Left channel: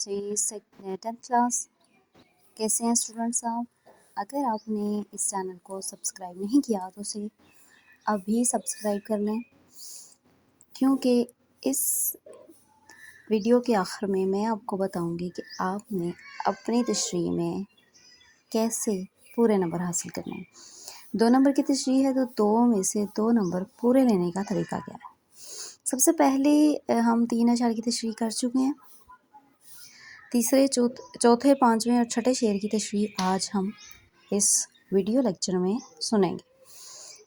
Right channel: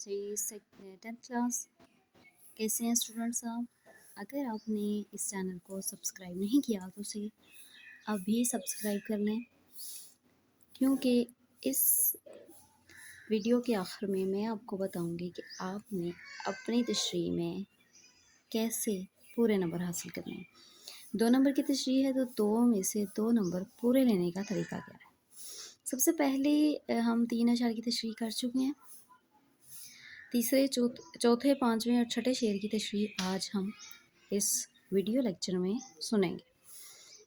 جی 10th class کیسے ہیں student صاحب؟ اگر آپ نے اس چینل کو سبسکرائب نہیں کیا تو اسے ابھی سبسکرائب کر لیں، کیونکہ اس ویڈیو کے آخر میں میں آپ کو بتاؤں گی کہ آپ نے اپنی تشریح میں کیسے پورے نمبر حاصل کرنے ہیں۔ 2 نمبر کی تشریح ہے تو 2 میں سے 2 نمبر پورے لینے کا طریقہ کیا ہے؟ سب سے پہلے ہم 3 اشعار کی تشریح کر چکے ہیں۔ تیسرے، چوتھے، پانچویں اور چھٹے شعر کی تشریح آج ہم اس ویڈیو لیکچر میں سنیں گے۔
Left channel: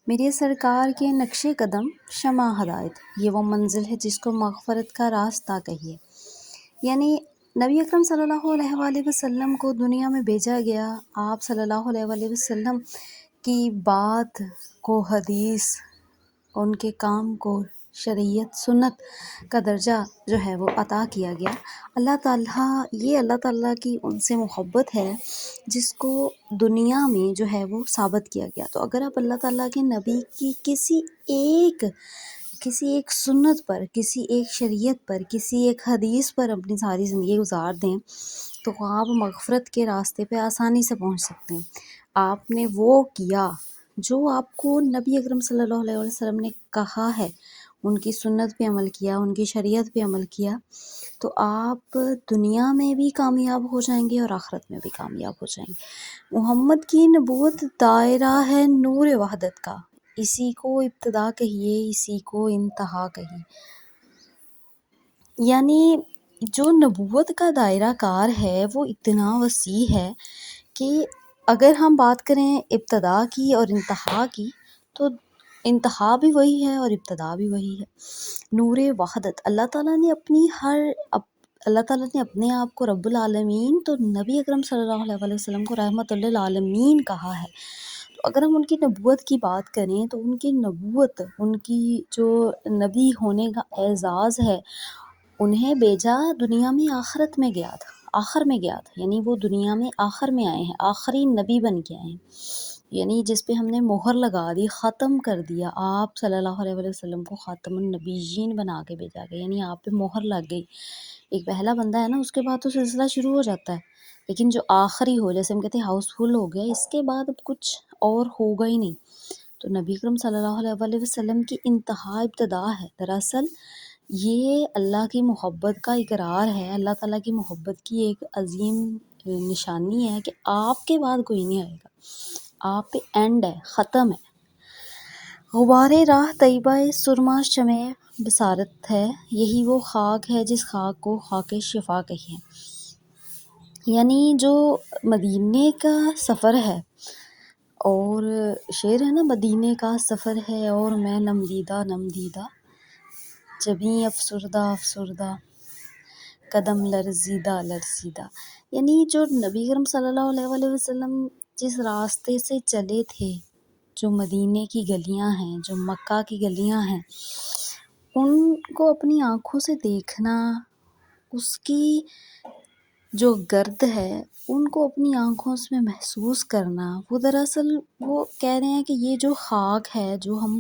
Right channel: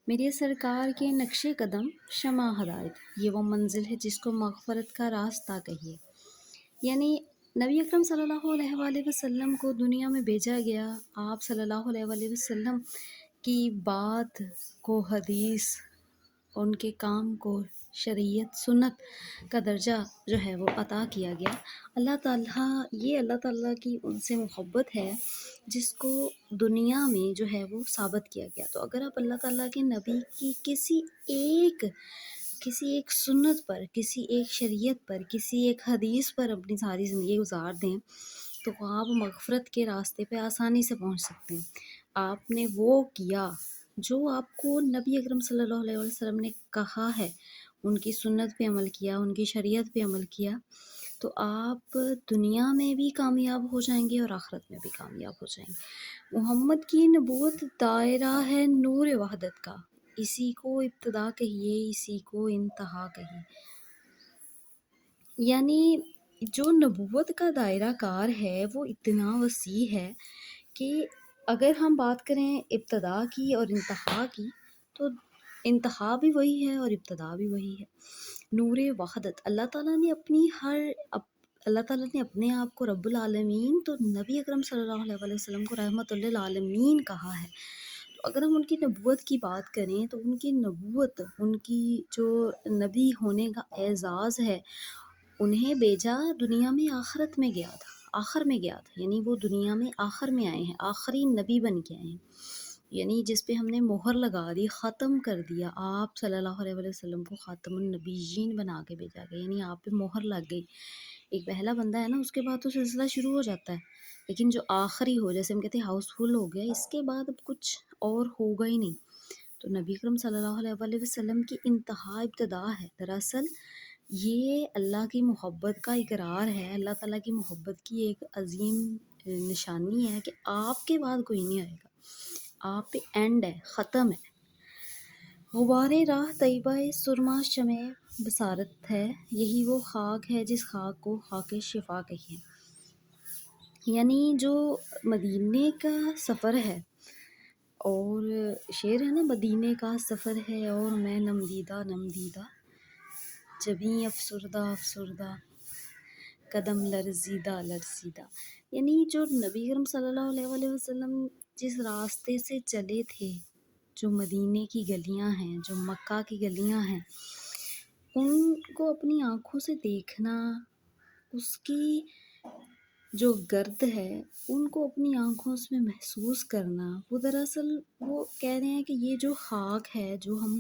میرے سرکار کے نقش قدم شمع ہدایت، یہ وہ منزل ہے جس کو مغفرت کا راستہ کہیے۔ یعنی نبی اکرم صلی اللہ علیہ وآلہ وسلم کو دنیا میں بھیجا گیا، آپ صلی اللہ علیہ وآلہ وسلم کی بات کو حدیث، ان کے کام کو شریعت سنت کا درجہ جو ہے وہ عطا کیا گیا۔ اللہ تعالیٰ کی ان سے محبت ہے جس کو دنیا میں جو ہے وہ ثابت کیا گیا۔ تو اگر آپ اللہ تعالیٰ کے نبی کی کسی ایک سنت پر، کسی ایک شریعت پر، کسی ایک حدیث پر اپنی ساری زندگی گزار دیں تو آپ مغفرت کے راستے پہ آسانی سے پہنچ سکتے ہیں۔ آپ نے وہ کیا جو آپ کو نبی اکرم صلی اللہ علیہ وسلم نے کہا ہے، ان کی سنت پہ عمل کیا، ان کی شریعت پہ عمل کیا، تو آپ دنیا میں بھی کامیاب ہو جائیں گے اور آخرت میں بھی کامیاب ہو جائیں گے۔ محمد کی نبوت دائرہ ہے نور وحدت کا، اسی کو ابتدا کہیے، اسی کو انتہا کہیے۔ یعنی جو نبوت کا دائرہ کار ہے وہ اتنا وسیع ہے کہ اگر ہم بات کریں ابتدا کی اور انتہا کی تو انتہا بھی وہی ہے اور ابتدا بھی وہی ہے۔ نور وحدت، اللہ تعالیٰ نے اپنے آپ کو رب العالمین تو نبی اکرم صلی اللہ علیہ وسلم کو رحمت للعالمین کہا ہے۔ تو اگر ہم ان کی نبوت کی بات کریں تو ان کی نبوت، ان کی جو نبی ہونے کا اعزاز ہے، انہیں بیجا دنیا میں آخر میں گیا تھا، یعنی وہ دنیا میں آخر میں آئے ہیں، آخری نبی بن کے آئے ہیں، یعنی جس پہ ہم نے مہر لگا دی، ختم کر دیا۔ آپ صلی اللہ علیہ وسلم کو خاتم النبیین بنا کے بھیجا گیا، یعنی آپ پہ مہر لگ گئی۔ ایک پہلا بندہ ہے نا، اس کے بعد تو سلسلہ شروع ہو جاتا ہے، لیکن جو آخری ہو، جیسے ہم کہتے ہیں ہاؤس فل ہو گیا، اس کے بعد اب کچھ اور ہوگا ہی نہیں۔ تو نبی اکرم صلی اللہ علیہ وسلم کی انتہا ابتدا ہے۔ دراصل یہ اللہ کی محبت کا اقرار ہے، اللہ تعالیٰ کی محبت کی ایک عظیم نشانی ہے کہ آپ کے بعد کوئی نہیں آئے گا، آپ پہ اینڈ ہے، ختم ہے۔ غبار راہ طیبہ سرما شمع بصارت ہے، یہی وہ خاک ہے جس خاک کو خاک شفا کہیے۔ یعنی جو مدینے کا سفر ہے، اور شعر ہے نا، مدینے کا سفر ہے اور میں نم دیدہ، جبیں افسردہ قدم لرزیدہ۔ یعنی جو نبی کرم صلی اللہ علیہ وآلہ وسلم جس راستے سے چلے تھے، جو مدینے کی گلیاں ہیں، جو مکہ کی گلیاں ہیں، ان کو اپنی آنکھوں سے دیکھنا، اس کی جو گرد ہے ان کو اپنی آنکھوں سے محسوس کرنا، وہ دراصل وہ کہہ رہے ہیں کہ یہ جو خاک ہے جو ہم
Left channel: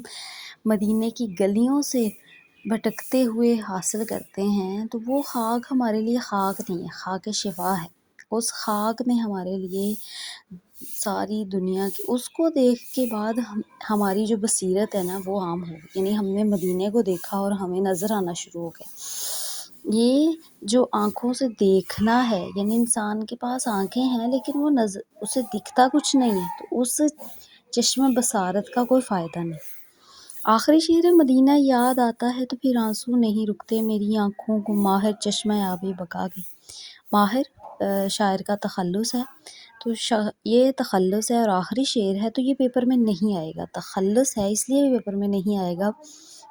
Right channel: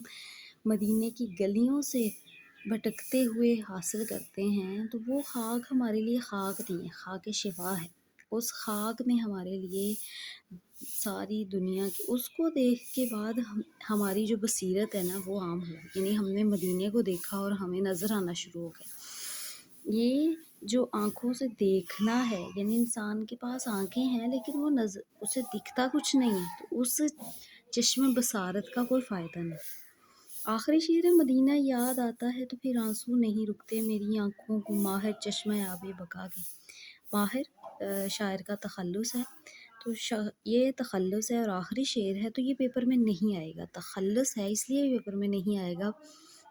مدینے کی گلیوں سے بھٹکتے ہوئے حاصل کرتے ہیں، تو وہ خاک ہمارے لیے خاک نہیں ہے، خاک شفا ہے۔ اس خاک میں ہمارے لیے ساری دنیا کی، اس کو دیکھ کے بعد ہماری جو بصیرت ہے نا وہ عام ہو گئی، یعنی ہم نے مدینے کو دیکھا اور ہمیں نظر آنا شروع ہو گیا۔ یہ جو آنکھوں سے دیکھنا ہے، یعنی انسان کے پاس آنکھیں ہیں لیکن وہ اسے دکھتا کچھ نہیں ہے، تو اس چشم بصارت کا کوئی فائدہ نہیں۔ آخری شعر ہے، مدینہ یاد آتا ہے تو پھر آنسو نہیں رکتے میری آنکھوں کو، ماہر چشمہ آب بقا گئی۔ ماہر شاعر کا تخلص ہے، تو یہ تخلص ہے اور آخری شعر ہے، تو یہ پیپر میں نہیں آئے گا۔ تخلص ہے اس لیے یہ پیپر میں نہیں آئے گا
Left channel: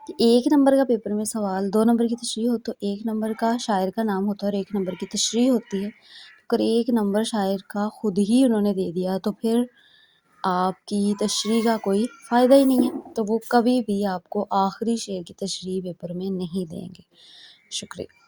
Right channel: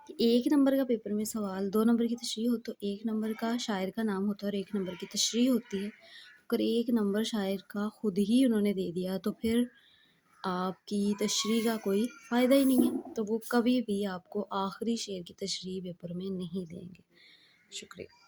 کہ 1 نمبر کا پیپر میں سوال 2 نمبر کی تشریح ہو تو 1 نمبر کا شاعر کا نام ہوتا ہے اور 1 نمبر کی تشریح ہوتی ہے۔ اگر 1 نمبر شاعر کا خود ہی انہوں نے دے دیا تو پھر آپ کی تشریح کا کوئی فائدہ ہی نہیں ہے، تو وہ کبھی بھی آپ کو آخری شعر کی تشریح پیپر میں نہیں دیں گے۔ شکریہ۔